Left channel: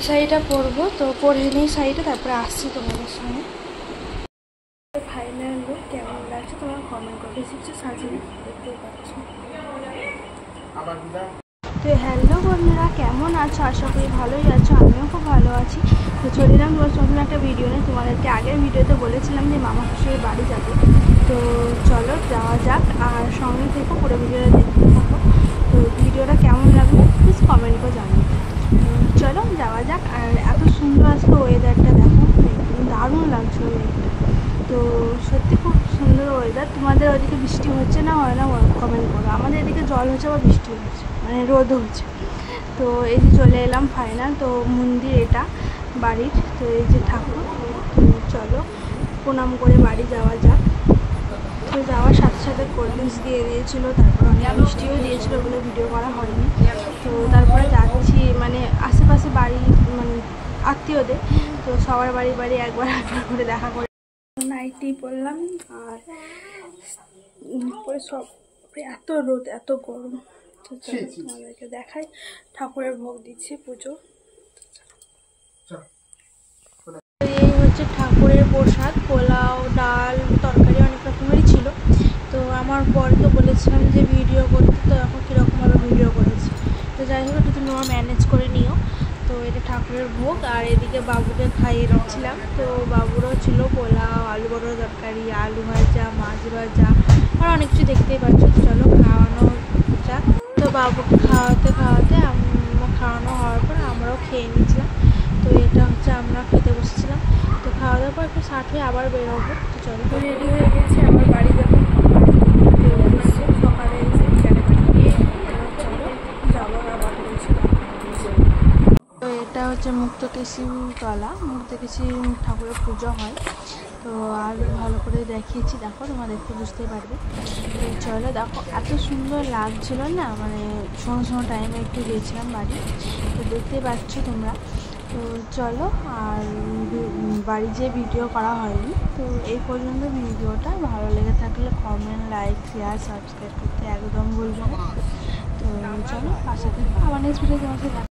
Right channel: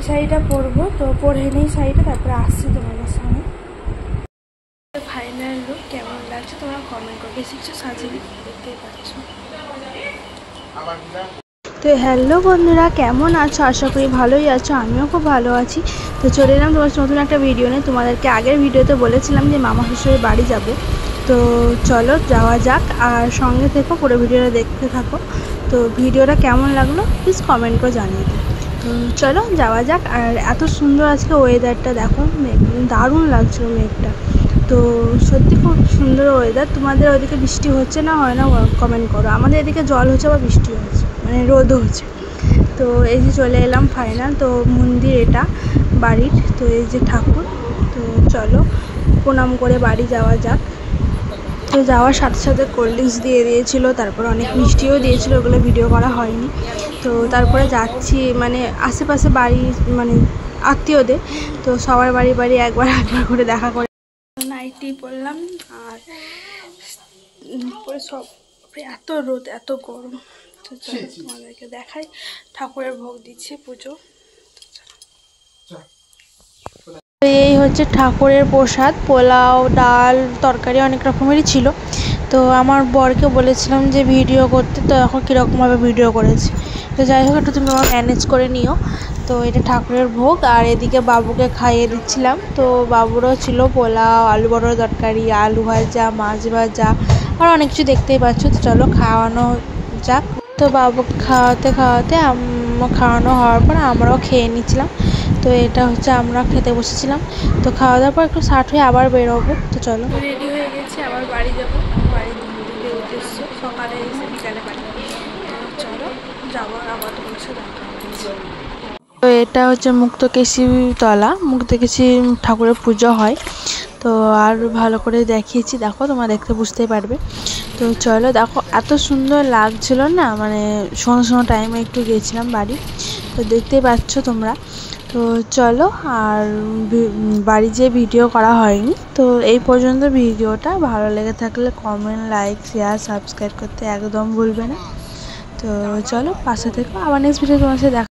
এই শাড়িটা পরবো, তো পরে নিই শাড়িটা, তারপরে আসছি তোমাদের সামনে। ফাইনাল লুক কেমন লাগছে তোমরা কমেন্ট করো, বেশি কিছু সাজিয়ে দেখতেই পাচ্ছ। তো হ্যালো বন্ধুরা, কেমন আছো? আশা করি ভালোই আছো, আমিও খুব ভালো আছি। তো চলে এলাম তোমার নতুন একটা ভিডিও নিয়ে। তোমাদেরকে আগের ভিডিওতে বলেছিলাম যে মামা শ্বশুরের বাড়ি যাব, তো চলো যাওয়া যাক, আর সঙ্গে থেকো, পুরো ভিডিওটা দেখতে থাকো। তো ভিডিওটা কেমন লাগলো প্লিজ কমেন্ট করে জানিয়ে দাও। তো চলো যাওয়া যাক। আর এত সুন্দর আজকে ওয়েদারটা দেখো, দারুণ লাগছে মেঘটা। তো সত্যি খুব সুন্দর ওয়েদার। তোমাদের ওইদিকে বৃষ্টি হচ্ছে না হয় না কমেন্ট করো। আমাদের এদিকে জল হচ্ছে বা বৃষ্টি হচ্ছে, মানে রোদও হচ্ছে। তো এই যে চলে এলাম ফাইনাল। তো মন্দির এটা বাড়ির, তো এই যে ঠাকুর। তো চলো প্রণাম করে বাড়ি যাওয়া যাক। তো যাওয়ার সাথে সাথে কোল্ড ড্রিঙ্কস দিয়ে দিয়েছিলো, তারপর অনেক মিষ্টিও দিয়েছিলো, ওগুলো ভিডিও করা হয়নি। তো তারপরে যাচ্ছি মানে আশেপাশে বাড়ি, মানে আত্মীয়দের, তো সবার বাড়ি বাড়ি একবার একবার করে দেখা করে নাইটি পরলাম। আর পরে সব এত রোদ এত গরম। তো চলো তোমাদেরকে দেখাই, ঠাকুরের ভোগ দিচ্ছি পুজো। এই হচ্ছে ঠাকুরের প্রসাদ, পোলাও, ডাল, তরকারি অনেক রকমেরই ছিল। তো আমার বরকে বলেছিলাম যে ভিডিও করতে, তো এখন কীরকমভাবে ভিডিও করেছি। তো যাই হোক, একটু তুমি আমার ম্যানেজ করে নিও। তো এটা ঠাকুরের ভোগ, আর এদিকে বাবুকে খাইয়ে দিচ্ছিলাম। তো বাবুরও ছিল পোলাও, আলু বড়ার তরকারি, আলু ভাজা, মাছ ভাজা, আর অনেক কিছু দেখতেই পাচ্ছ। তো চলো খাওয়ানো যাক। তো বাবুকে খাওয়াতে খাওয়াতে খাওয়ানো হওয়ার পর আমরাও খেয়ে নিচ্ছিলাম। তো এটা হচ্ছে আমরা খেতে বসেছিলাম। তো খাওয়া দাওয়ার পর একটু ষাট হয়ে আবার বেরোবো। তো চলো রেডি হয়ে গেছি, আবার বাড়ি যাবো। বাড়িতে উদ্দেশ্য সকালে এসে বিকালে বাড়ি। তো চলো যাবো, আবার তোমার সাথে দেখা হচ্ছে। তো এটা হচ্ছে মুক্তকেশী তলা, মুক্তকেশী ঠাকুরের পুজো হয়। তো আর ভালো করে দেখিয়েছি, দেখো তোমরা দেখতে বুঝতেই পারবে। তো চলো দেখো, এত সুন্দর লাগছিল না, মানে শোনো টাইমে একটু গেছিলাম বাড়ি, তো দেখতেই পাচ্ছ তোমরা। তো চলো, আর বাড়ি যেয়ে ভিডিও করা হয়নি। তো এই পর্যন্ত ভিডিওটা ভালো লেগে থাকলে কমেন্ট, লাইক, শেয়ার, সাবস্ক্রাইব করতে একদম ভুলবে না। তো চলো পাশে থেকো, আবার নেক্সট ভিডিও তোমার সাথে দেখা।